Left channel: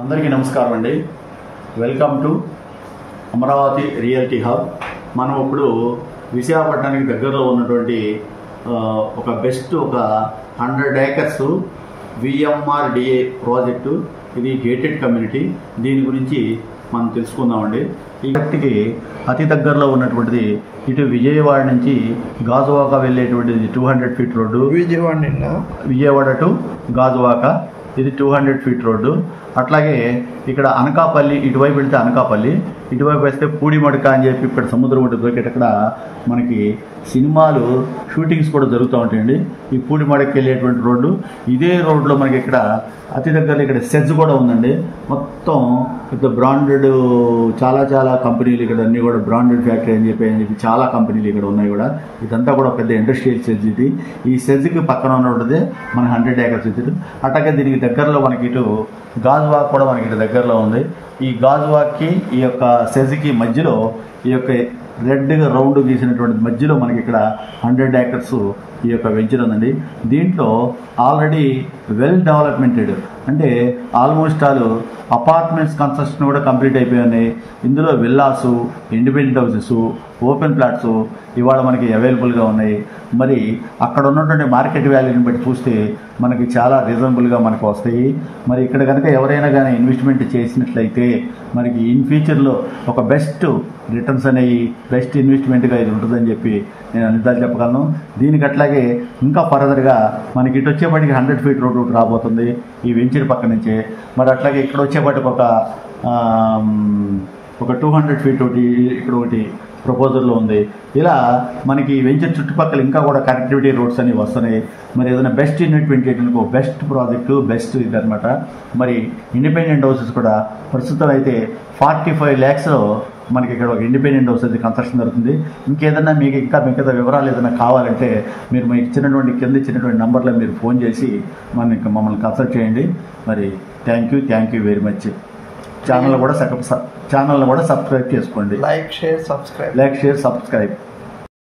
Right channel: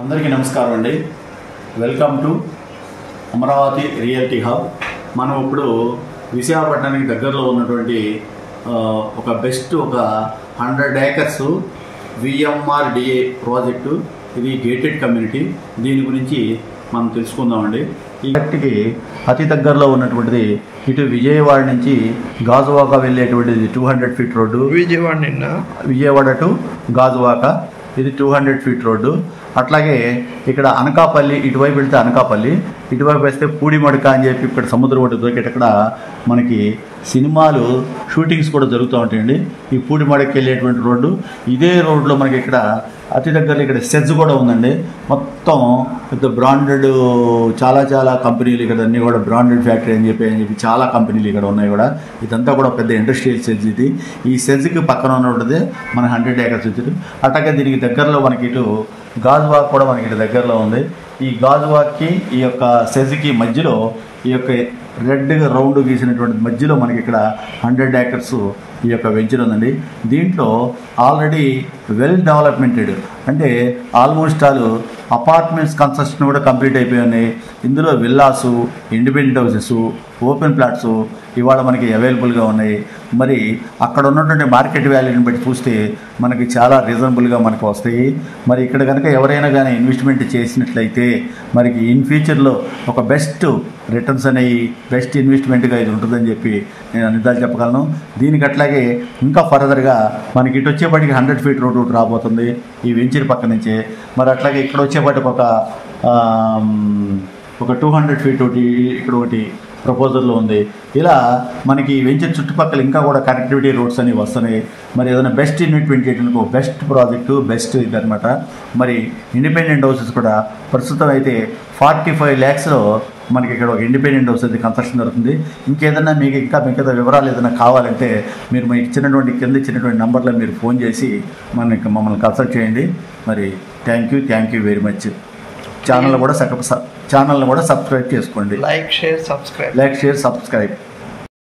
అందరికీ నమస్కారం అండి. Welcome to Amaravati realty hub. మనం ఇప్పుడు విశాఖపట్నానికి దగ్గరలో ఉన్నటువంటి ఒక 100 ఏకర్స్ విఎంఆర్డిఏ ప్రాజెక్టు. ఇది గేటెడ్ కమ్యూనిటీ. దీని గురించి మనం తెలుసుకుందామండి. ఈ వ్యక్తికి అతి దగ్గరలో ఉన్నటువంటిది ఇటు విజయవాడ నుంచి గాజువాక వెళ్ళేటువంటిది 200 feet road. Vijayawada to Gajuwaka ఇది 200 ఫీట్ రోడ్డు. అట్లాగే ఇక్కడ అనకాపల్లి, ఇటువైపు వెళ్తే అనకాపల్లి, ఇటువైపు వేస్తే పూడిమడక అని చెప్పి ఇక్కడ సముద్రం ఒకటి దొరికేటక్కడ మనకి సినిమాలు షూటింగ్స్ కూడా జరుగుతూ ఉంటాయండి. ఈ పూడిమడకి వెళ్ళేటువంటి రోడ్డు. ఇదే రోడ్లో మనకి ఇక్కడ అతి దగ్గరలో ఇక్కడ సెజ్ కూడా ఉందండి. మొత్తం పెద్ద బ్రాండెడ్ చాలా కంపెనీలు ఇక్కడ అన్నీ కూడా బ్రాండెడ్ ఫ్యాక్టరీ అని చెప్పి చాలా కంపెనీలు ఇక్కడ ఉన్నాయి కూడా. ఇదంతా కూడా పెద్ద ఇండస్ట్రియల్ సెజ్ ఇది. ఈ సెజ్కి పక్కన ఉన్నది మన 100 ఏకర్స్ వచ్చి. అట్లాగే దీనికి దగ్గరలో మనకి ఇటు గాజువాక్ కూడా మనకి ఇటు దగ్గరలో ఉంది. ఈ గాజువాక్కి ఈ యొక్క సెజ్కి మధ్యలో ఈ యొక్క రెడ్ రౌండ్ గీసినటువంటి మధ్యలో మనకి ఇక్కడ 100 ఏకర్స్ ఈ యొక్క వెంచర్ ఉందండి. దీంట్లో ఆల్రెడీ వెల్ డెవలప్మెంటెడ్ అంటే ఆల్మోస్ట్ అపార్ట్మెంట్స్ కన్స్ట్రక్షన్ కూడా కంప్లీట్ అయిపోయి ఉన్నాయి. ఇందులో villas, independent houses, open plots ఇవాళ మనకి అవైలబుల్గా ఉన్నాయి. మరి అక్కడ ఉన్నటువంటి మార్కెట్ వాల్యూని బట్టి చూస్తే మనకి చాలా రీజనబుల్గా మనకు వస్తాయి. మరి ఇక్కడ కనుక ఎవరైనా కానీ ఇన్వెస్ట్మెంట్ చేసినట్లయితే మనకి ఇన్ ఫ్యూచర్లో ఒక బెస్ట్ రిటర్న్స్ అనేవి బెస్ట్ ఇన్వెస్ట్మెంట్గా ఇది ఉంటుందని చెప్పి నేను అనిదాలు చెప్పగలను. దీనికి అట్లాగే ఇంకా ఫర్దర్గా మనకి ఇటు వచ్చేపాటికి 100 ఫీట్ రోడ్ ఒకటి రాబోతుంది ఈ వెంచర్ పక్క నుంచే. మరి అట్లాగే ఇక్కడ వచ్చేపాటికి ఒక 200 ఫీట్ ఒకటి ఇక్కడ ఒకటి ప్రపోజల్లో ఉంది. ఇలా మనకి వెంచర్ చుట్టుపక్కల ఇంకా కూడా కనెక్టివిటీ రోడ్స్ అనేవి వస్తున్నాయి. మరి ఏదైనా బెస్ట్ ఇన్వెస్ట్మెంట్ చేయడానికి బెస్ట్ ప్రాజెక్టు, బెస్ట్ ఇది అనమాట. మరి ఇండిపెండెంట్ హౌసెస్ కూడా ప్రస్తుతం అయితే 45 lakhs మనకి ఇక్కడ ఒక ఇండిపెండెంట్ హౌస్ అయితే కన్స్ట్రక్షన్ జరుగుతుంది. ఇంకేదైనా మీకు మిగతా వివరాలు ఏదైనా కావాలంటే మీరు మీకు కింద ఇచ్చినటువంటి నెంబర్లో మీరు ఫోన్ చేసి మమ్మల్ని కన్సల్ట్ చేయండి. మరి thank you very much. Channel కూడా సబ్స్క్రైబ్ చేసుకోండి. Like share subscribe